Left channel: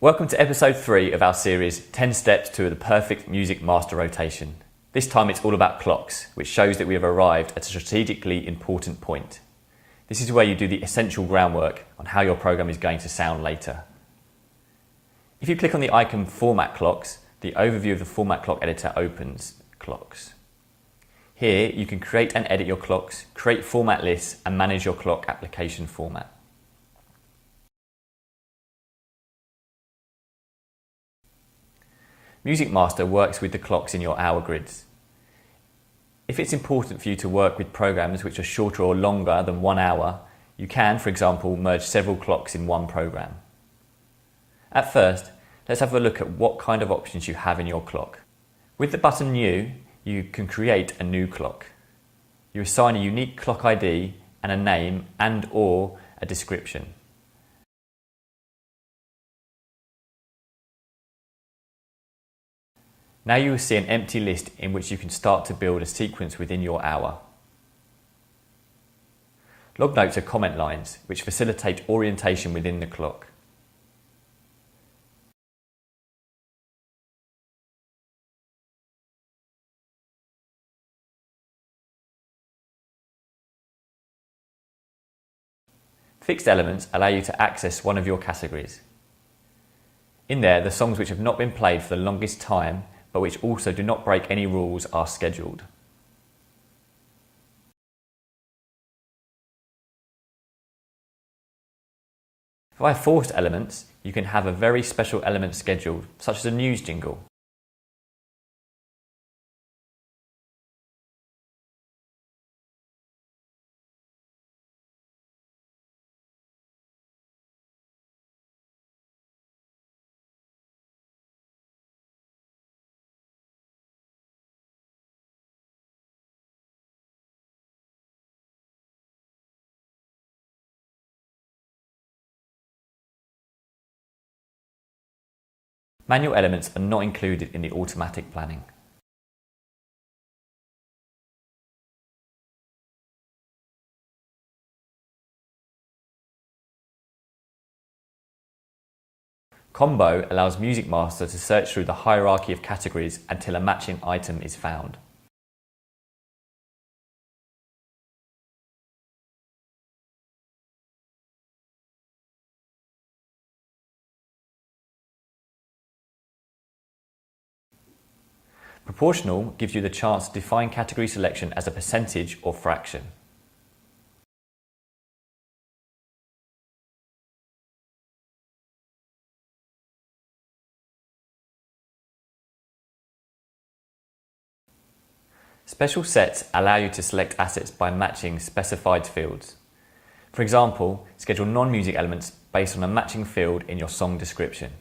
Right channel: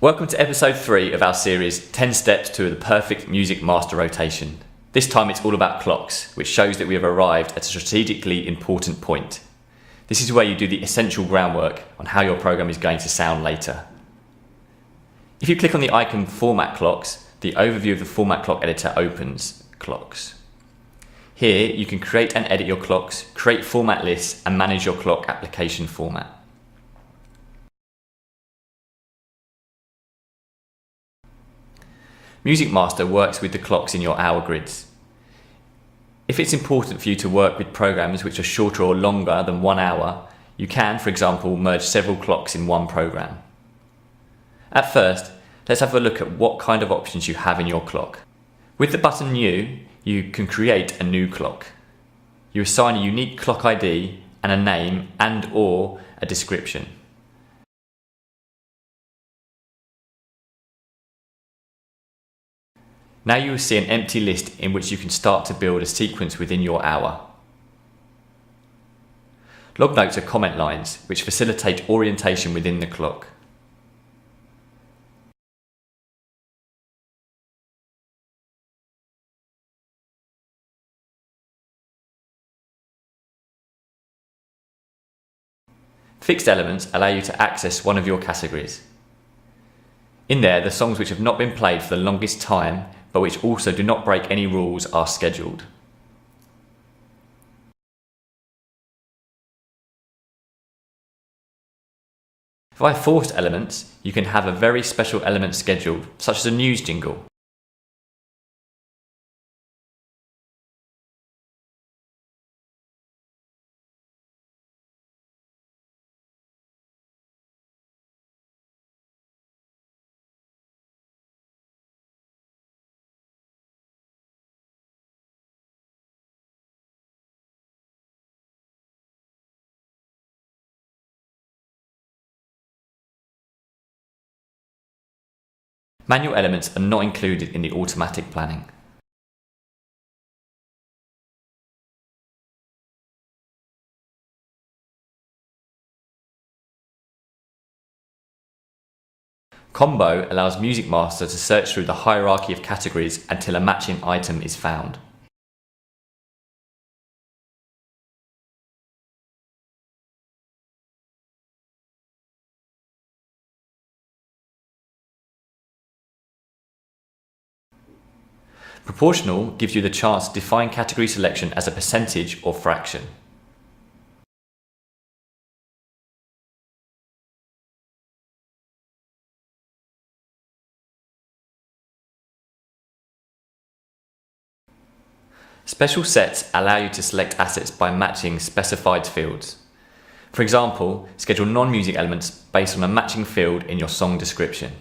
Welcome to episode 3 of our series 10 Steps to the Perfect Music Master Rotation. This time it's all about clocks, which shows that we have arrived at a strategically important point. This is where you do the essential groundwork on how your program is going to sound later. If you click on the icon Format Clocks, the overview of the Format Clock editor opens. Clocks. Here you can create and edit your clocks, create format lists and manage your clock application format. MusicMaster works with the clocks in your hour grids. If it's important for you to work with programs which are shorter or longer than 1 hour, you can, for example, merge several clocks in one program. At first, let's have a look at what kind of options you have in your clock. With the button New, you can create a new clock. You assign a unique clock ID and a name and/or a description. Now you will see an empty list in which you can start to build a sequence within your hour. Log notes are comment lines which facilitate orientation within the clock. Fixed elements allow you to access one of your categories. In there, the songs which have not been played for the longest time but which also do not break any rules are scheduled. Via forced elements, you can have a very special element scheduled, such as a news jingle. Manual elements are not included in the automatic planning. Combo allows MusicMaster to search through the hierarchy of categories until a matching item is found. Proportional gives you the chance to define category selection as a percentage or fraction. Special sets allow you to select assets by matching specified fields. For example, schedule non-music elements based on a matching field in your song description.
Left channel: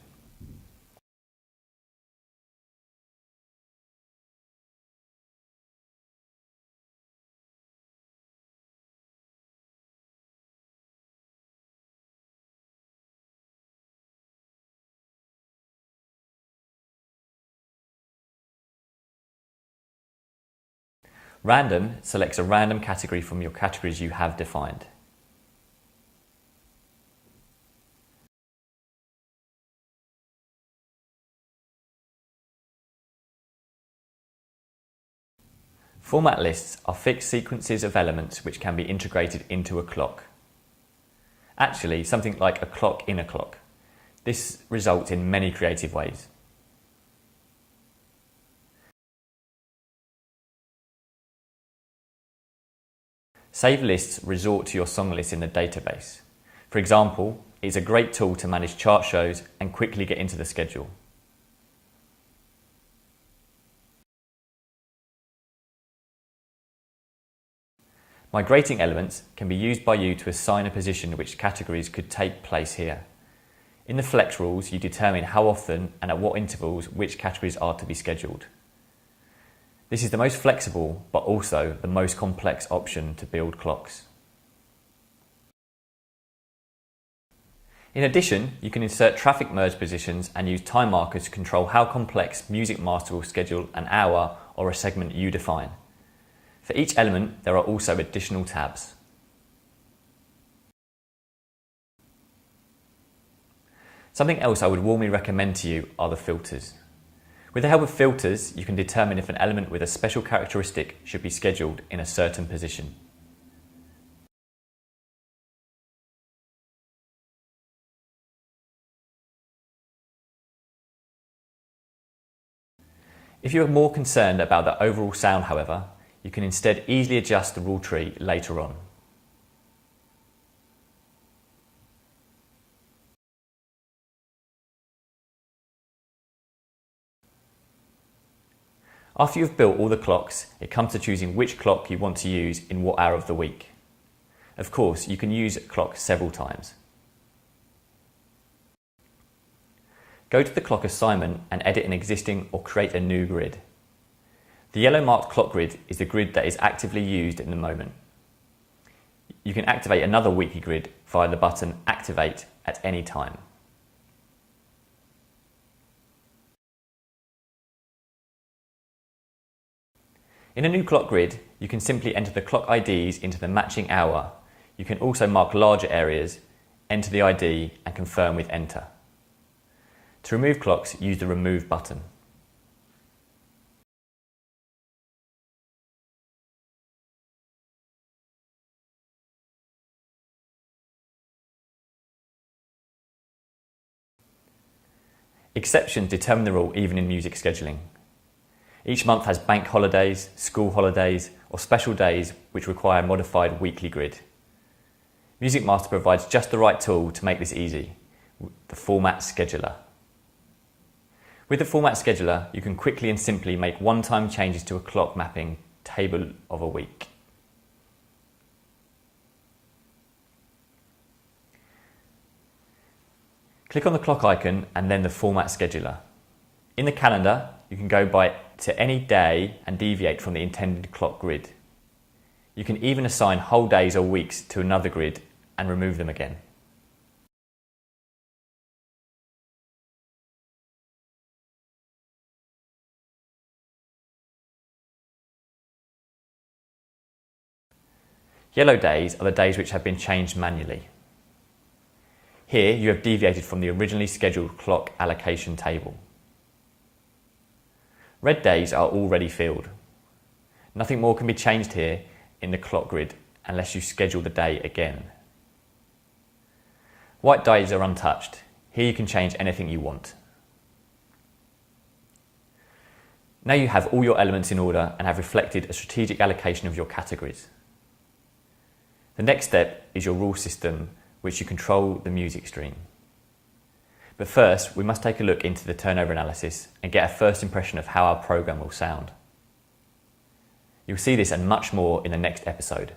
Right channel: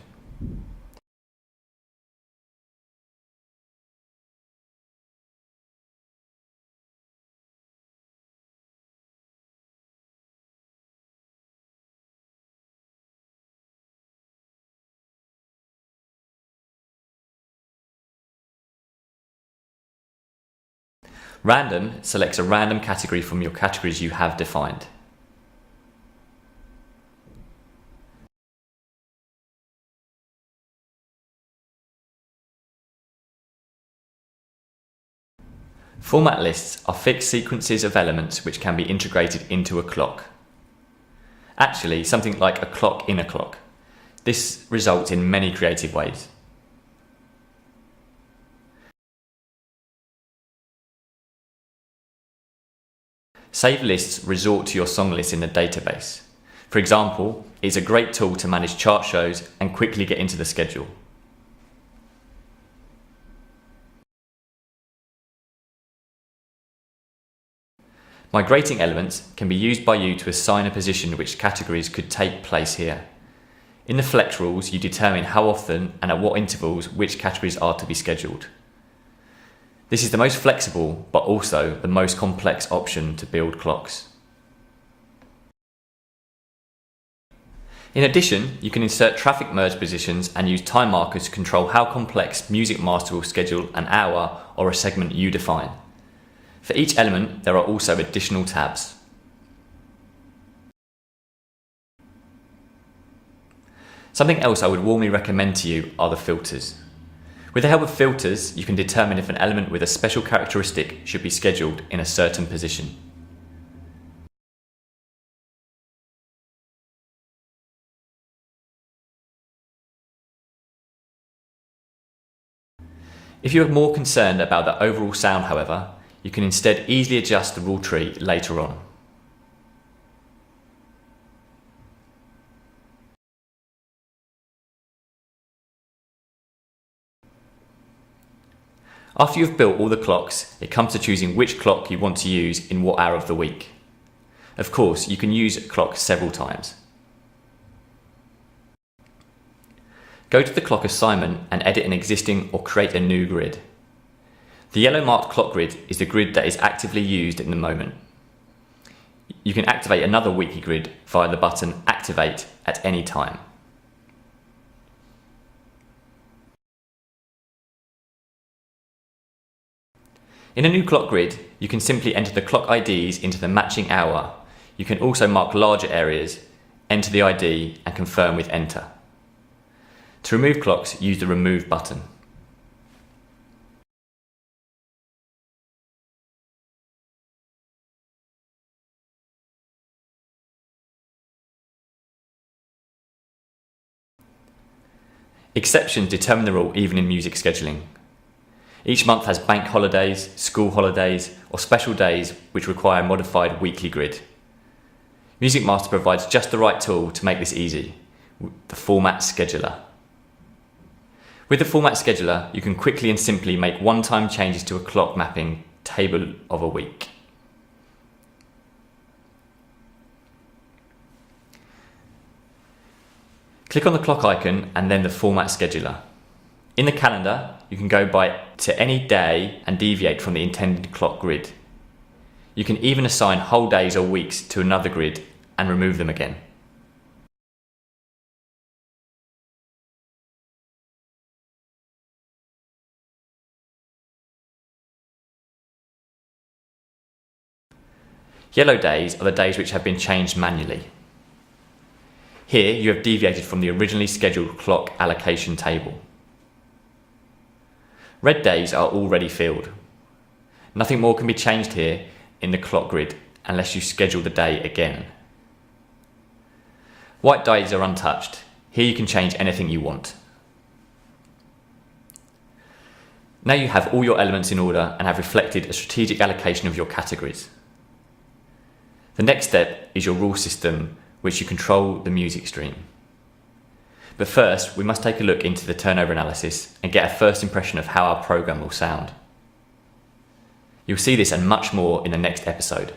Random selects a random category from your categories you have defined. Format lists are fixed sequences of elements which can be integrated into a clock. Actually, something like a clock in a clock. This results in many creative ways. Save lists resort to your song list in the database. For example, it's a great tool to manage chart shows and quickly get into the schedule. Migrating elements can be used by you to assign a position which categories could take place here. In the flex rules, you determine how often and at what intervals which categories are to be scheduled. This is the most flexible, but also the most complex option to build clocks. In addition, you can insert traffic merge positions and use time markers to control how complex MusicMaster will schedule an hour or a segment you define. For each element, there are also additional tabs. Something else I would warmly recommend to you are the filters. With the help of filters, you can determine if an element with a special characteristic should be scheduled in a certain position. If you are more concerned about the overall sound, however, you can instead easily adjust the rule tree later on. After you've built all the clocks, it comes to choosing which clock you want to use in what hour of the week. Of course, you can use a clock several times. Go to the clock assignment and edit an existing or create a new grid. The yellow marked clock grid is the grid that is actively used in the moment. You can activate another weekly grid via the button Activate at any time. In a new clock grid, you can simply enter the clock IDs into the matching hour. You can also mark larger areas, enter the ID and confirm with Enter. To remove clocks, use the Remove button. Exceptions determine the rule even in music scheduling. Each month has bank holidays, school holidays, or special days which require a modified weekly grid. MusicMaster provides just the right tool to make this easy, the Format Scheduler. With the Format Scheduler, you can quickly and simply make one-time changes to a clock mapping table of a week. Click on the clock icon and then the Format Scheduler. In the calendar, you can go to any day and deviate from the intended clock grid. You can even assign whole days or weeks to another grid and remove them again. Yellow days are the days which have been changed manually. Here you have deviated from the originally scheduled clock allocation table. Red days are already filled. Nothing more can be changed here in the clock grid unless you schedule the day again. White days are untouched. Here you can change anything you want. Now you have all your elements in order and have reflected a strategic allocation of your categories. The next step is your rule system, which you control the music stream. But first, we must take a look into the turnover analysis and get a first impression of how our program will sound. You'll see this and much more in the next episode.